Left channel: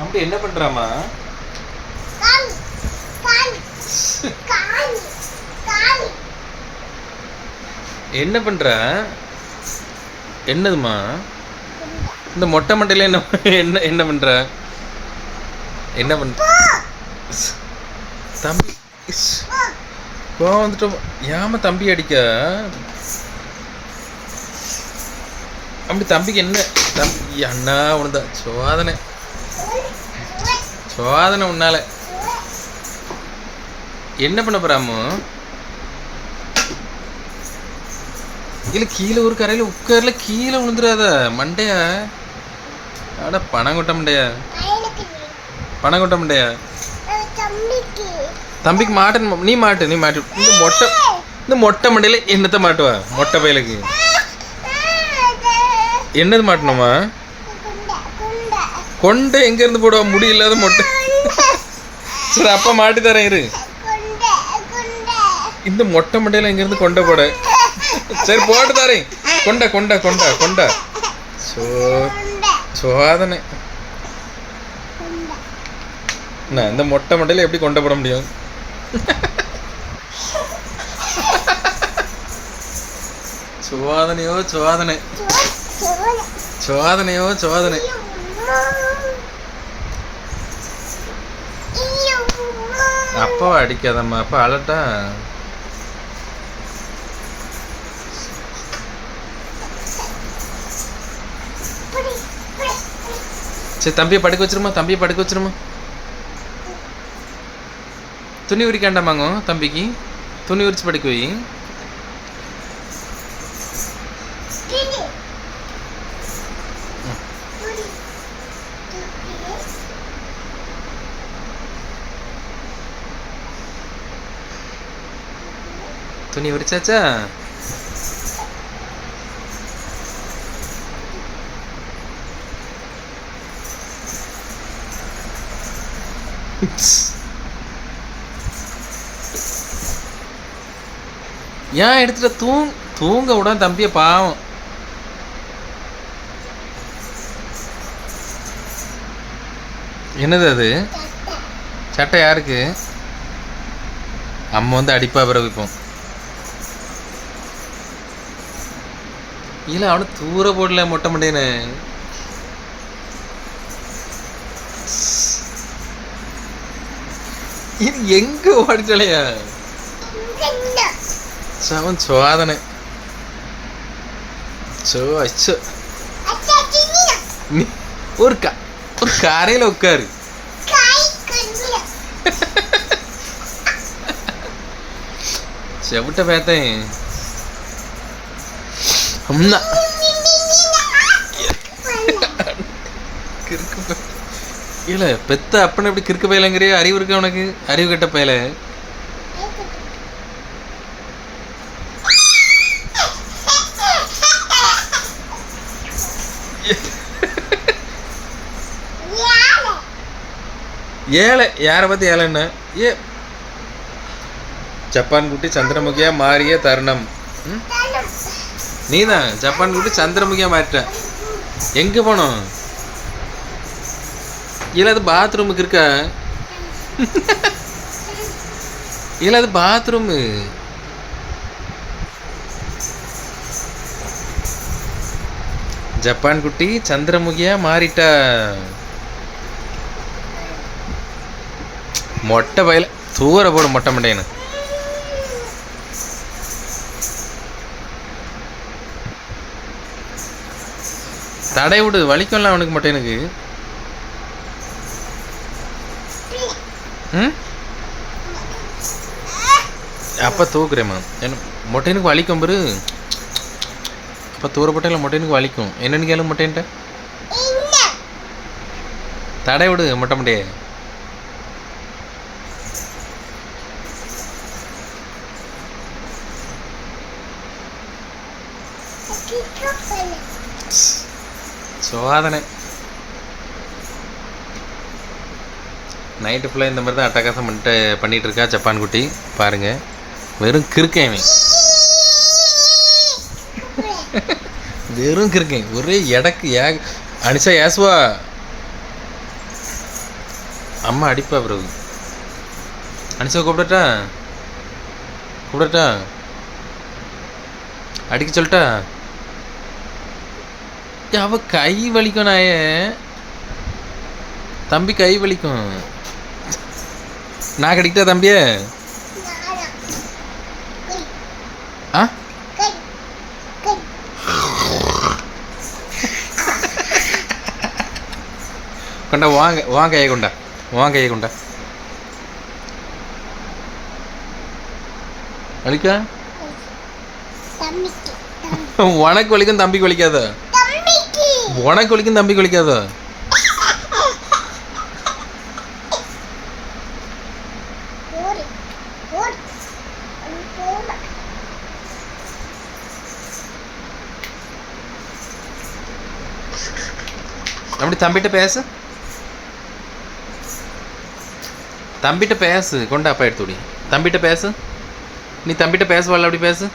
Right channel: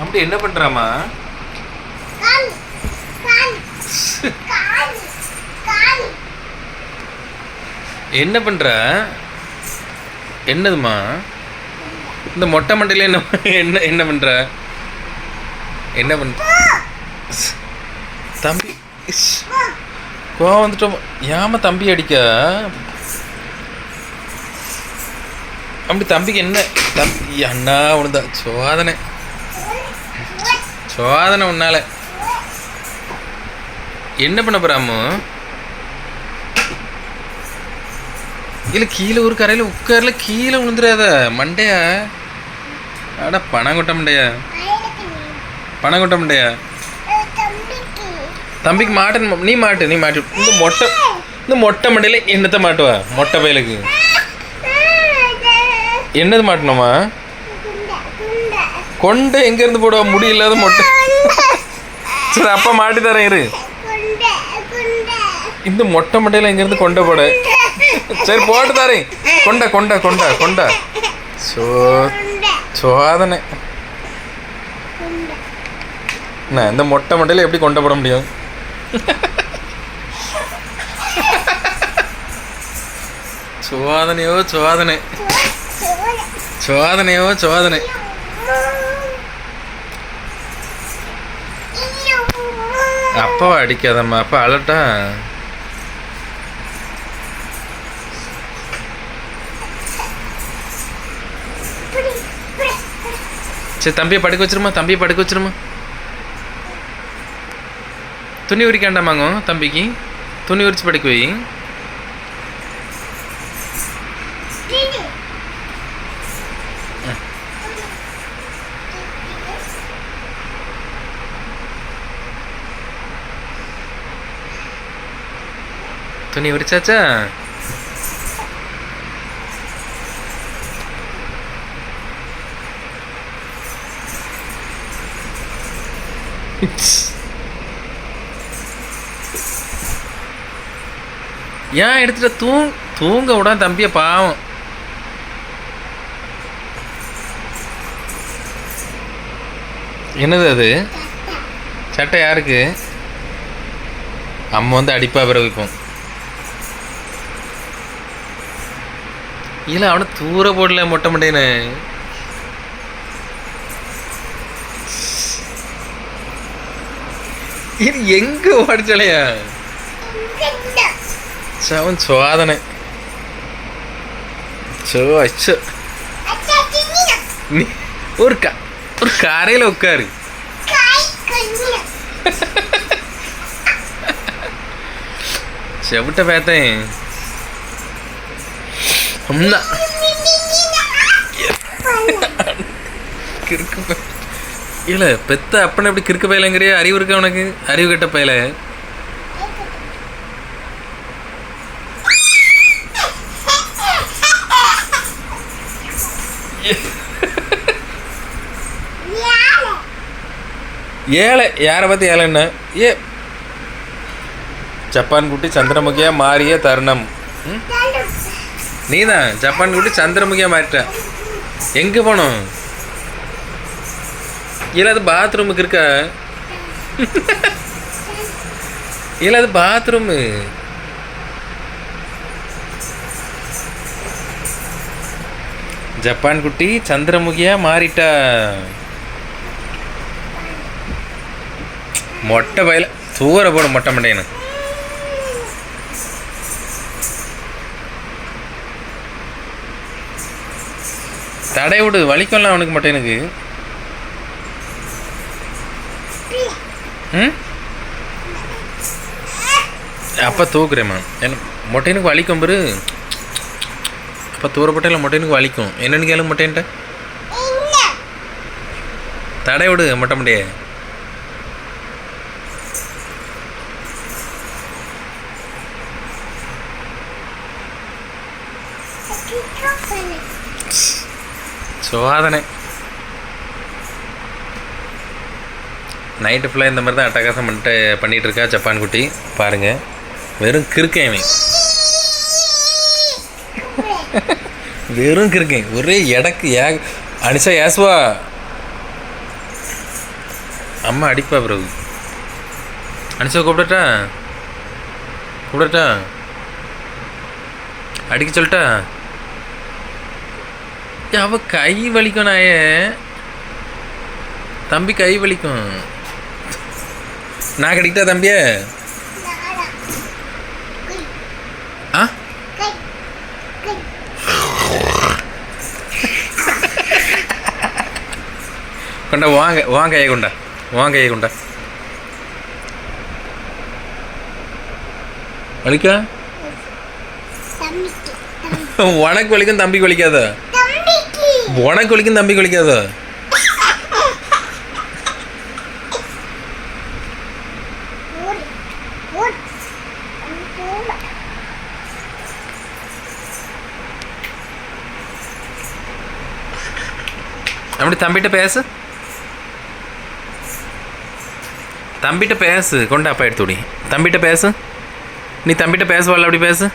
அப்படி என்ன பண்றாமா என்ன பண்ற? என்னதுமா இந்த மொட்டை மண்டையில என்ன என்ன என்ன பண்ற? என்ன பண்ற தம்பி. கோவம் வந்துட்டோம். ஏமா தம்பி அடிக்க? அப்படி தம்பிக்கு என்ன தம்பி அண்ணா உனதா சோதனை. சோதனை உன்னால. என்ன பண்ண போறாமோ இல்லை கீழே ஒரு கரையில உட்கார்ல கீழே விழுந்துடாத மண்டையா? அட பணங்கொட்ட மண்டையா? பணம் கொட்ட மண்டையா? தம்பிக்கு மாட்டு நீ மாட்டு நீ மாட்டு. இந்த மொட்டை இந்த மொட்டை மண்டையில என்னத்த மாட்டுவா? மொட்டை பயலுக்கு. என்னது மாட்டணுமா கொண்டு எங்கேருந்து போடுவா? முடி இல்லாத மொட்டை. சரி அப்பா மாட்டி தரேன் இரு. இந்த மொட்டை மட்டையில் எங்கேருந்து கொண்டை போட. சரி போட்டு தரேன். கொண்டா கொண்டா கொண்டா கொண்டா. சோ சோதனை. என்ன இந்த மொட்டை மட்டையில் எப்படி கொண்டை போட முடியும்? சோதனையோ சோதனை. சோதனையோ சோதனை. அப்பாவை அடிக்காதம்மா. அப்பா அழட்டா சரி தம்பியை படுக்க வச்சிருமா? தம்பியை படுக்க வச்சிருமா? துணி உரிக்காண்டாமாங்க தம்பிக்கு? துணி உரிச்சு படுக்க வை. துணி உரிச்சாச்சா ஏன் எடுத்துட்ட? தூங் தூங்க விட தம்பிய பாவம். என்னது அது? சட்டை யாருக்கு? அம்மா வந்து அடிப்பா பிறகு இப்போ இல்ல அவனை தூர போடல மொட்டை மண்டேன இது எங்க ஓடிச்சலையா? அவன் சோதனை சோ அச்சோ. நீ ஒரு க ஒரு கரையில உட்காரு. செவிட்ட பேத்தேன். அம்மா கிறுக்கு பய- இல்ல பெத்த அப்பனை எப்படி கிறுக்கு பயலங்கிறிய? அறிவு இருக்கா உனக்கு? அறிவு கெட்ட பயல. ஏழை. யாரை பத்தி ஏழைன்னா ஏ. ஜப்பான் குட்டி சந்திரமுகியா மாறிய தருணம். ம்? நீதான். ஜப்பான் குட்டி சந்திரமுகியா மாறிட்ட எங்கே போனோம்? இல்ல அது பாத்ரூமுக்கு இருக்கா. இல்ல அது பாத்ரூமு ஜப்பான் குட்டி சந்திரமுகியா மாறிட்டா. மொட்டை பயில தூர போடும் மொட்டை மண்டையனு தடை விடு வலிக்கும்ல அவனுக்கு மட்டும் எனக்கு. ம்? அப்போ தூக்குறேம்மா எனக்கு மொட்டைனுக்கு வலிக்கும் பெரு. அப்போ தூரப்பட்டையில் மொட்டைனுக்கு வலிக்கும். என்னன்னு கேளு மொட்டைன்ட்ட தடை விடு மொட்டை மண்டையே சோதனை. நைட்டு ஃபுல்லாக இந்த மாதிரி தான் அட்டகாசம் பண்ணிட்டு பண்ணிகிட்டு இருக்கா ஜப்பான் குட்டி. பாருங்கள் வெறும் கிறுக்கேன் இவன் வெறும் கிறுக்கேன் ஒரே எடக்கு ஏ அனிஷா ஏசுவா அம்மா அடிப்பா பிரபு அனிஷா கூப்பிடட்டா? கூப்பிடட்டா? அடிக்க சொல்லிட்டா? அவ கை வலிக்கும் நாயே. தம்பி கை வலிக்கும். நான் கடிக்கிட்டா தம்பியே? ஆ? கொண்டா வாங்க வாங்க கையை கொண்டா. வாங்க கையை கொண்டா. வலிக்கா? உனக்கு வலிக்கும் தம்பிக்கு வலிக்காதா? உனக்கு வலிக்கும் தம்பிக்கு வலிக்காதா அப்படி தம்பிகிட்ட பேசு? தம்பிகிட்ட பேசு கொண்டா அப்பா எடுத்துடி தம்பிகிட்ட பேசு. நீ தம்பிகிட்ட பேசுவாள் அப்படி பேசு.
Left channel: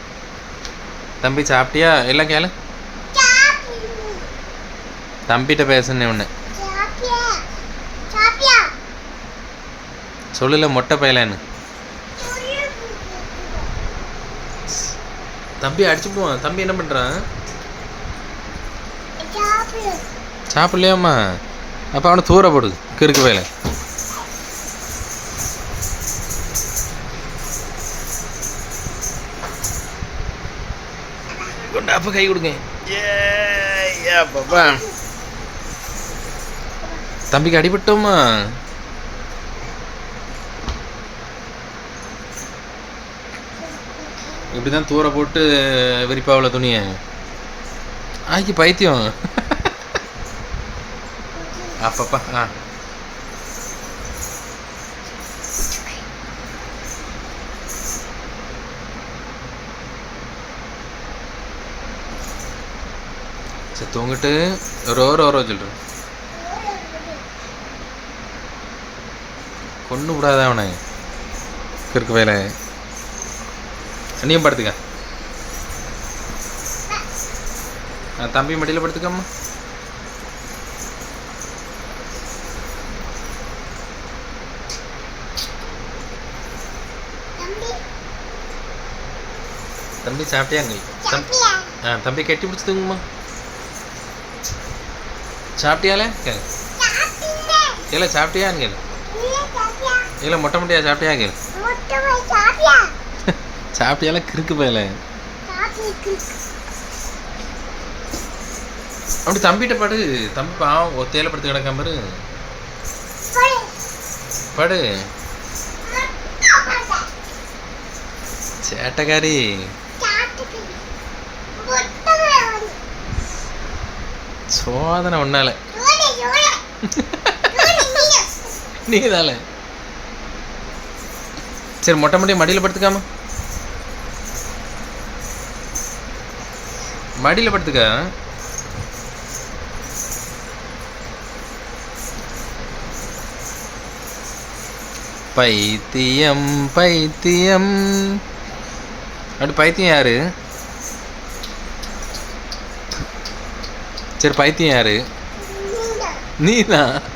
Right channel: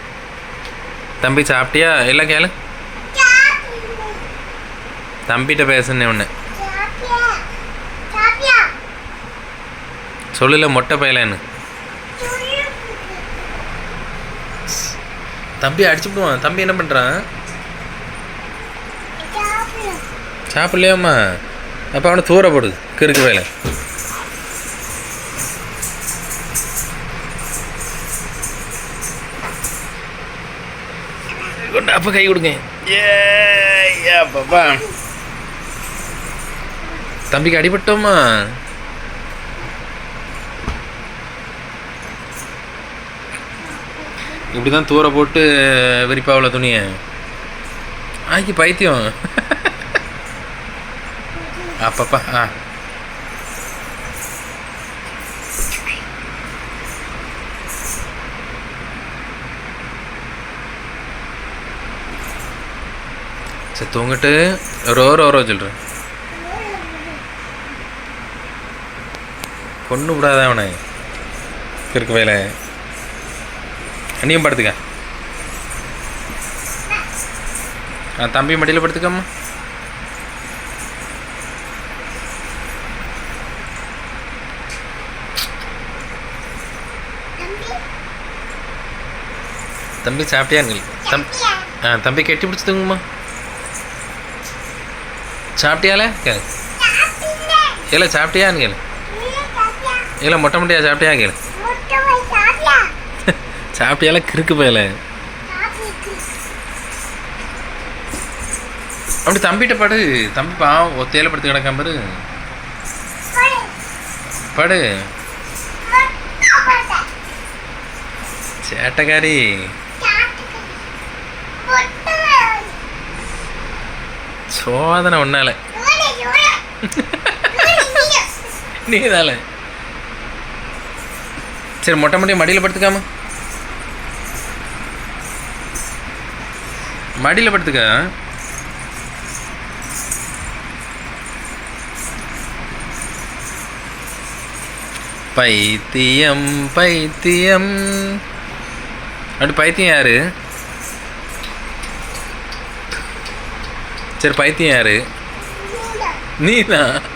தம்பி சாப்பிட்டியா? எல்லாம் கேளு. தம்பிகிட்ட பேசுன்னு ஒன்று சொல்லல மொட்டை பயலன்னு. தம்பி அடிச்சுடுவான் தம்பி என்ன பண்ணுறான் சாப்பிடு சாப்பிட்லையாம்மா? அப்போ அவனை தூர போடு கிறுக்கு வேலை கொண்டு அப்போ கை கொடுங்க. ஏ பாப்பா தம்பிக்கு அடிபட்டோமா? இப்படி தான் தூர போட்டு விரிப்பாவில் துணியை. ஆக்கி பைத்தியம். அப்பப்பா ஆ. சரி தூங்கிட்டு ரோ ரோ ரோ சொல்கிறேன் கொண்டு விடாத அவனை. கிறுக்கு வேலை நீயும் படுத்துக்க. ஆ தம்பி மடியில் படுத்துக்கம்மா. தம்பி. தம்பி சாப்பிட்டியாங்க தம் ஆ தம்பி கெட்டி பிடிச்சி தூங்குமா சாப்பிட்டியால? கேளு. இல்லை சாப்பிட்டியான்னு கேளு இல்லை மொட்டை மொட்டையா சாப்பிட்டியா கேளு. சாப்பிட்டியால கிறுக்கு போயல. அப்படி தம்பிகிட்ட படு. தம்பி பாவம் ஒத்தையில படுத்து கிடக்காம பாரு. போடு. சேட்டக்காரி. சோதனை ஒன்னால நீ நீதால சரி மொட்டை மொட்டையை மடியில் படுத்துக்காம. மடியில் படுத்துக்க. பைத்தியம் பைத்தியம். அப்படி பைத்தியம் யாரு? சரி பைத்தியம் யாரு? நீ நீதான்.